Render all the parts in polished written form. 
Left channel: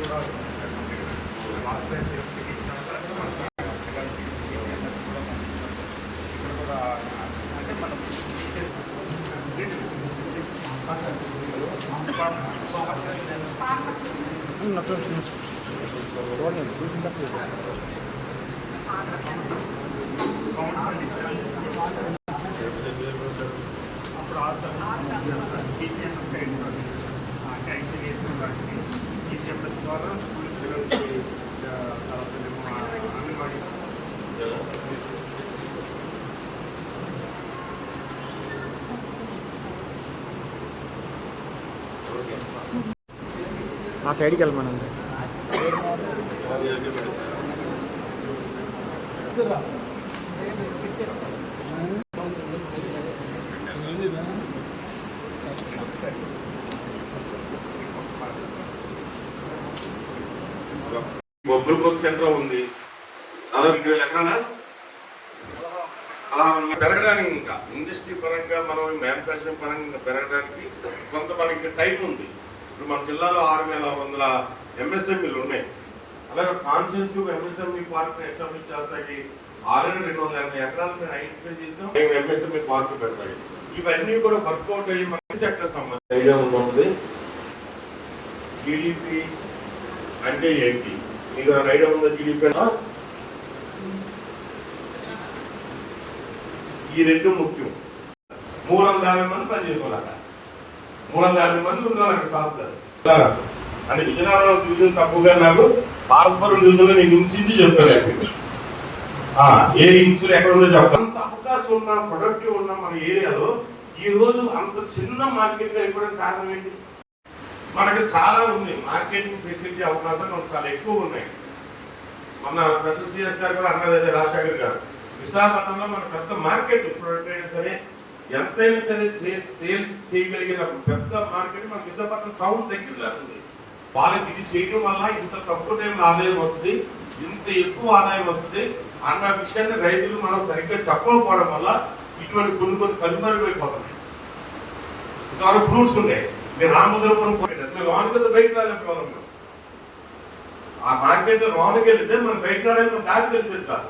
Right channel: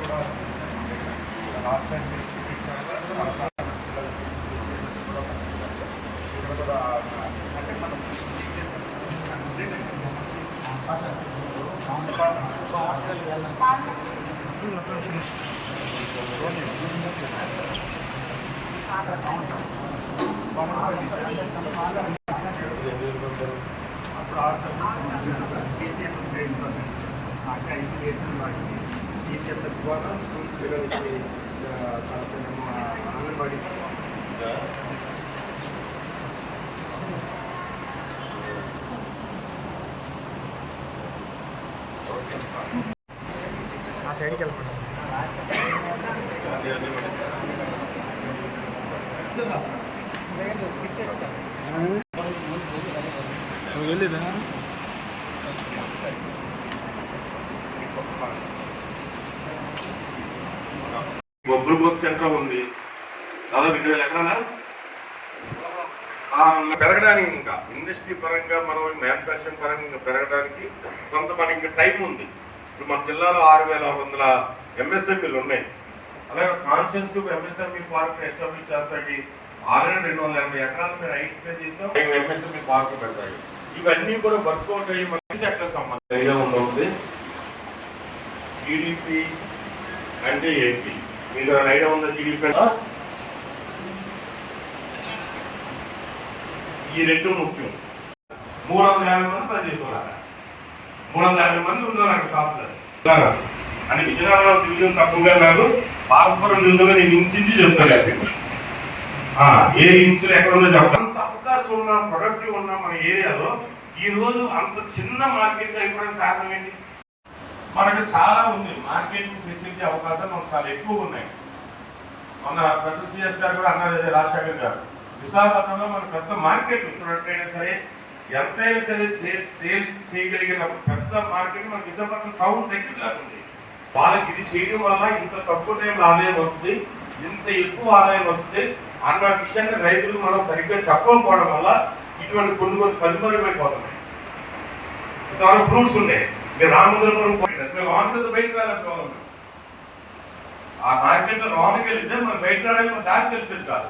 కూడా last time ఇక్కడ కూడా అంటే మనం ICDS ద్వారా స్కూల్ పిల్లలకి అంగన్వాడీ మా సైడ్కి వెళ్ళమని వెళ్ళేదా బొబ్బుల బొత్ సెంటర్ ఉంది. దాదాపు 20,000 ఎకరాలా అలా పెరగడానికి ఇంకా ఇండస్ట్రీ పరంగా మనం మ్యానుఫ్యాక్చరింగ్ పరంగా ఇంకా పెరగడానికి కొంత మనకి టైం ఉంది. ఇప్పుడు మన జిల్లాలో 6,600 MSMEలు ఉన్నాయి. అలాగే కాన్షియన్సివ్ MSME పార్క్ ఎస్టాబ్లిష్ చేస్తాయి. ఆల్రెడీ 280 ఎకరాలు మీరు ఐడెంటిఫై చేసాం. MSME పార్క్ పెడతాయి. ఇవన్నీ కూడా వర్కౌట్ అయ్యి మన సెక్టర్ సంబంధించి ఐడియా ఉంటుంది. జీడిపి అంటే ఏంటి మీకు ఐడియా ఉందా? జీడిపి ఈ రెండు ముఖ్యం. 350 మంది పని చేసుకోవాలి. 350 మంది ఉన్నారు అక్కడ షాప్లో. అంటే విజయనగరం డివిజన్ తక్కువగా నాకు పాలపురం డివిజన్ లో నేను ఇంచి చెప్తాను. ఏ ఇంచులు ఎక్కడ ఉందో చెప్తాను. అంత అవకాశం ఉన్న ప్రొడక్టివ్ ఉన్న మన ఏరియాలో ఈ రోజు అంత చిన్న మార్కెట్ అయిపోవడానికి కారణం ఏంటి? మనకి చాలా ఉంది మార్కెటింగ్ ఫెసిలిటీ అవకాశాలు మనకు చాలా ఎక్కువ ఉన్నాయి. మన ప్రొఫెసర్ సిఎస్ గారు కూడా అన్నది రాజశేఖర్ గారు విశాఖపట్నంలో మన పెద్ద మార్కెట్ ప్రొడక్ట్ అయినా సరే ఎంతైనా సరే సేల్ చేయగలిగిన పెద్ద మార్కెట్ మన విశాఖపట్నం టౌన్ దగ్గరలో ఉంది. వాళ్ళకి ఇది చేయడం వల్ల ఇంత తక్కువ టైంలో ఆదాయం వస్తుంది, ఇంత ఎక్కువ ఆదాయం వస్తుంది అన్న విషయాన్ని రైతులు మనం సరిగ్గా చెప్పకపోవడం వల్ల ఇటువంటి కొన్ని కనుమరుగైపోతున్నాయి. ఇంతవరకు ఫ్రూట్స్ ఉన్నాయి. మీరు రామదుర్గం లోనికి బయటకు రాలేకపోవాలి. ఆ మార్కెట్ లో లోనికి వెళ్తే మనం బయట రావడానికి దారి తెలిసేది కాదు.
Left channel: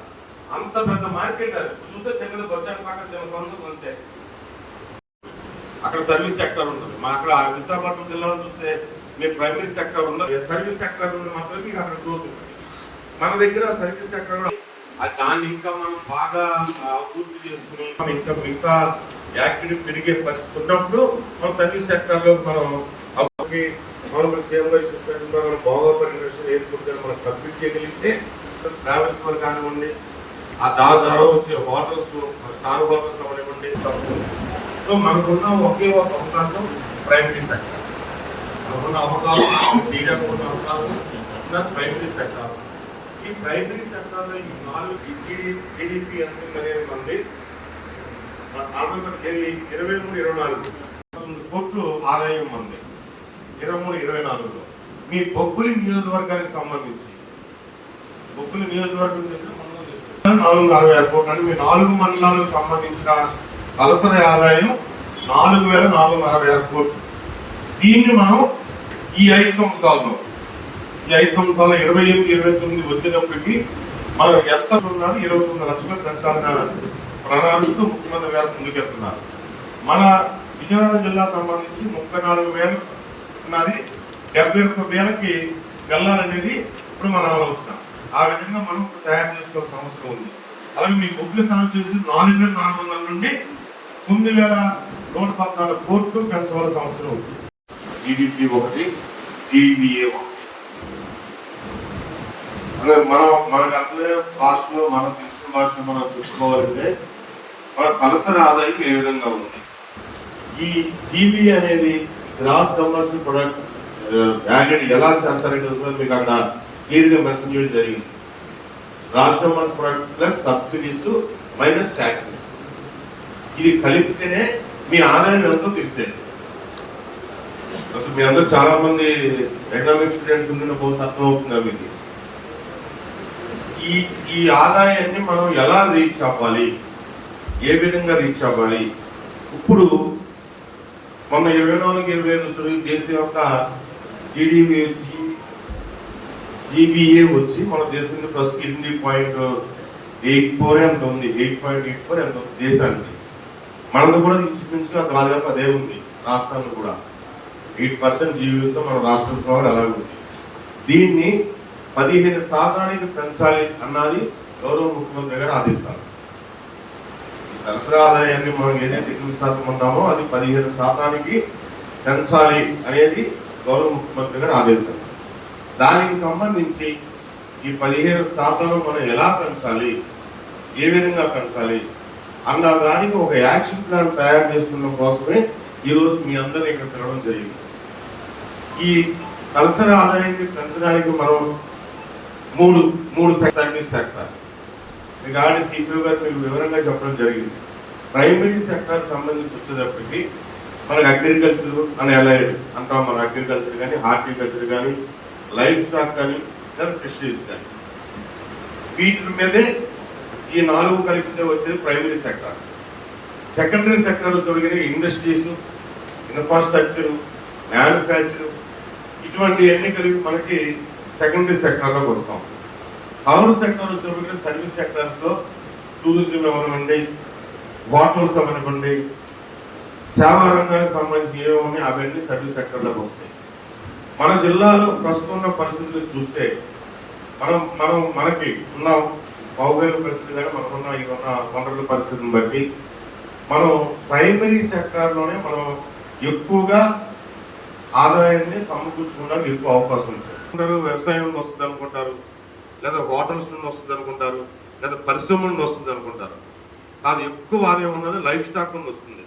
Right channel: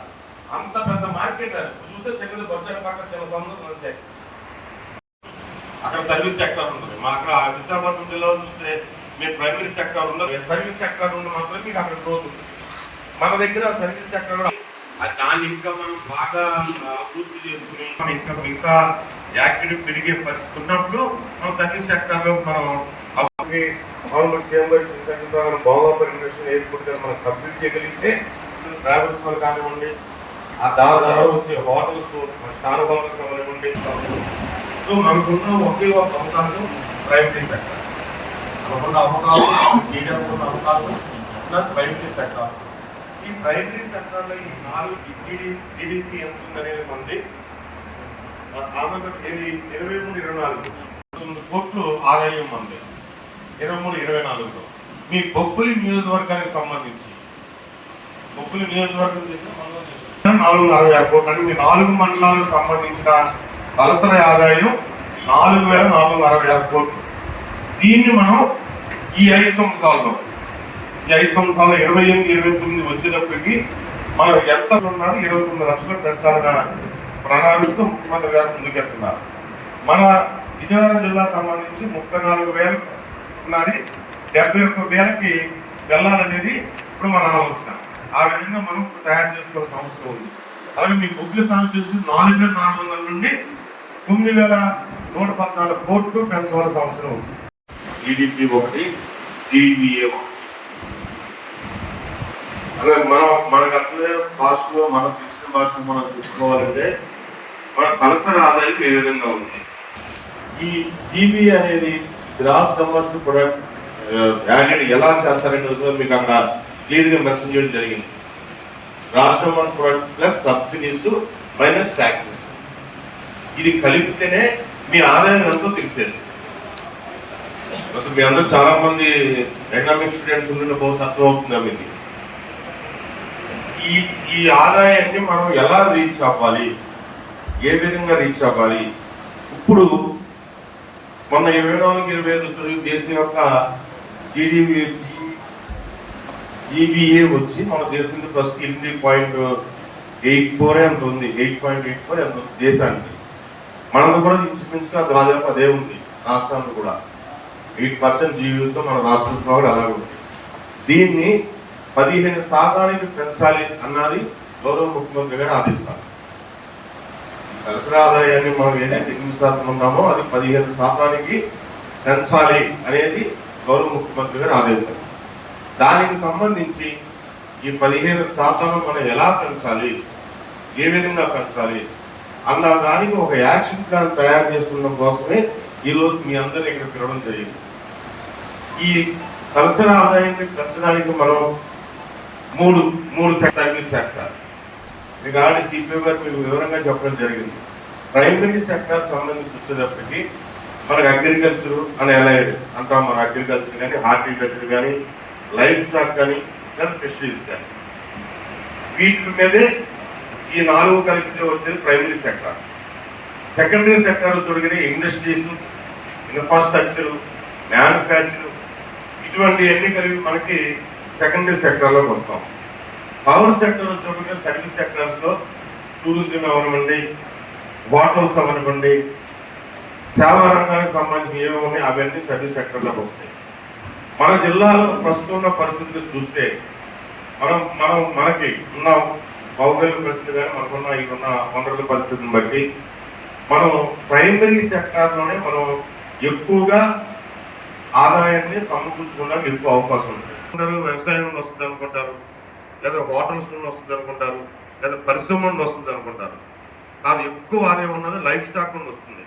అంత పెద్ద మార్కెట్ అది చూస్తే చిన్నది బడ్జెట్ పక్కన చిన్న సంస్థలు అంతే. అక్కడ సర్వీస్ సెక్టర్ ఉంటుంది. మా అక్కడ విశాఖపట్నం జిల్లాలో చూస్తే మీరు ప్రైమరీ సెక్టర్ ఉండదు, సర్వీస్ సెక్టర్ ఉన్న మాత్రం మీకు అక్కడ గ్రోత్ ఉంటుంది. మన దగ్గర సర్వీస్ సెక్టర్ కూడా దాన్ని ఇంకా మనం బాగా అభివృద్ధి చేసుకుని ఇంకా యాక్టివిటీ పెరిగే పరిస్థితి ఉన్నప్పుడు మన సర్వీస్ సెక్టర్ లో మనం మనం భోగాపురం ఇండస్ట్రియల్ ఎయిర్పోర్ట్ మనం కంప్లీట్ చేయగలిగితే ట్రావెల్స్ మనం కానివ్వండి, ఆ దాని ద్వారా వచ్చే హోటల్స్ స్టార్ హోటల్స్ అవనివ్వండి. సో మనకున్న ఒకే ఒక అవకాశం ప్రైమరీ సెక్టర్. మనకున్న అవకాశం చేయడం అవకాశం ప్రైమరీ సెక్టర్. ఈ ప్రైమరీ సెక్టర్లో ఈ 4 జీడిపి ఎంత ఉందనేది మంది ఆంధ్రప్రదేశ్ 23-24 కోట్లు ఆదాయం ఉంది. 23-24లో మీ బొబ్బులి నియోజకవర్గానికి సంబంధించి బొబ్బులి నియోజకవర్గం 460 కోట్లు అంటే మీ 4 మండలాలకు సంబంధించిన తలసరి ఆదాయం 4,466 కోట్లు. దీన్ని మనం ఈ 5 సంవత్సరాల్లో 28-29 వచ్చేటప్పటికి మనం ఎంత ఉన్నాడు 29 లక్షలు పెంచాలన్న ప్రణాళికతో ముఖ్యమంత్రి గారు ముందుకెళ్తున్నారు. మన విజయనగరం జిల్లా సంబంధించి 34,000 ఉన్నది, 71,000కి వెళ్ళాలనేది ఇప్పుడు మన ఆలోచన. ఆ విధంగా మనం తయారు చేసుకోవాల్సిన అవసరం ఉంది. అలాగే మీ బొబ్బుల కాన్స్టిట్యూన్సీ 4,400 నుండి 9,114 కోట్లు పెంచవలసిన అవసరం ఉంది. GDP 1, GBA 1. మనకు అట్లే భాషలో మనం తీసుకున్న భాషలో మనం చెప్పుకోవాలంటే మన తలసరి ఆదాయం ఏ విధంగా ఉంది. ఈ జీబీ అనేది గ్రాస్ డొమెస్టిక్ ప్రొడక్ట్ యాడెడ్ ఎలా చేస్తారనేది కూడా మీకు అక్కడ క్లియర్ గా మెన్షన్ చేయడం జరిగింది. Gross domestic product plus subsidies minus taxes ఇది కలిపితేనే మీ ఆదాయం ఎంతో తెలిసేది. అసలు మీ అందరూ చాలా మంది ఎకనామిక్ స్టూడెంట్స్ ఉండిన బహుశా అర్థం అవుతుందా మీకు? ఈ ఆదాయాన్ని మనం ఎలా రీచ్ అవ్వాలి, ఏ విధంగా రీచ్ అవ్వాలి? ఇప్పుడు మొన్న 24-25 దేశం యొక్క జీబీఏ వచ్చి మన దేశంలో ప్రస్తుతం 8.84 ఎంత ఉంది, 8.84 ఎంత ఉంది దేశానికి. మనకు కూడా ఇంచుమించుగా దాదాపు అదే ఉంది రాష్ట్రానికి కూడా. 8% జీబీతో మన రాష్ట్రంలో కూడా అలాగే ఉంది. దీన్ని 15% పెంచాలి అన్నది గౌరవ ముఖ్యమంత్రి గారు ఆదేశాలు. తలసరి ఆదాయాన్ని మనం ఏదైతే 8% ఉన్నామో అది 15% పెంచాలి అనేది గౌరవ ముఖ్యమంత్రి గారు ఆదేశాలు. దానికి సంబంధించి ఈ 15% మనం ఎలా పెంచాలి, ఏ విధంగా పెంచాలి అన్న దానికి ఒక యాక్షన్ ప్లాన్ తయారు చేసుకున్న కోసమే ఈరోజు మీ అందరూ ఇక్కడ తిరగడం జరిగింది. ఈ తలసరి ఆదాయాన్ని పెంచడానికి మనం మూడు సర్వీస్ సెక్టర్ మీకు ఆల్రెడీ సిపిఓ గారు మీకు వివరంగా చెప్పడం జరిగింది. ప్రైమరీ సెక్టర్ సంబంధించి వచ్చేటప్పటికి మనకు అగ్రికల్చర్ అని ఎలా అంటాం, మన అగ్రికల్చర్ కానీ, హార్టికల్చర్ కానీ, లైఫ్ స్టాక్ కానీ, లేదా ఫిషరీస్ కానీ, వీటి మీదే ఈ 4 కలిపితే వచ్చేది ప్రైమరీ సెక్టర్. సెకండరీ సెక్టర్ దొరికిన ఇండస్ట్రీస్, ఇన్ఫ్రాస్ట్రక్చర్, మ్యానుఫ్యాక్చర్, ఇటువంటివన్నీ కలిపి మనకి సెకండరీ సెక్టర్లోకి వస్తాం. పవర్ సెక్టర్ దొరికిన సర్వీస్ సెక్టర్స్లో టూరిజం అవనివ్వండి, హోటల్స్ అవనివ్వండి, సేవా రంగానికి సంబంధించిన ఏమని అవన్నీ సర్వీస్ సెక్టర్లోకి వస్తాయి. మన జిల్లాలో ప్రస్తుతం ఉన్న పరిస్థితులు చూస్తే మనకి ఉన్న భౌగోళిక పరిస్థితులు కానీ మనకున్న ఇక్కడున్న వనరుల పరిస్థితిని బట్టి మనం ప్రైమరీ సెక్టార్లోనే మనం ఎక్కువగా ఆదాయాన్ని సమకూర్చుకోవడానికి ఎక్కువ అవకాశం ఉంటుంది. అందరూ వ్యవసాయం వస్తుంది అనుకుంటారు, లేదా హోటల్స్ నుండి వస్తుంది అనుకుంటారు, లేదా పరిశ్రమ నుండి వస్తుంది అనుకుంటారు. అది ఎక్కువ ఆదాయం ఉన్నది లైఫ్ స్టాక్ నుండి వస్తుంది.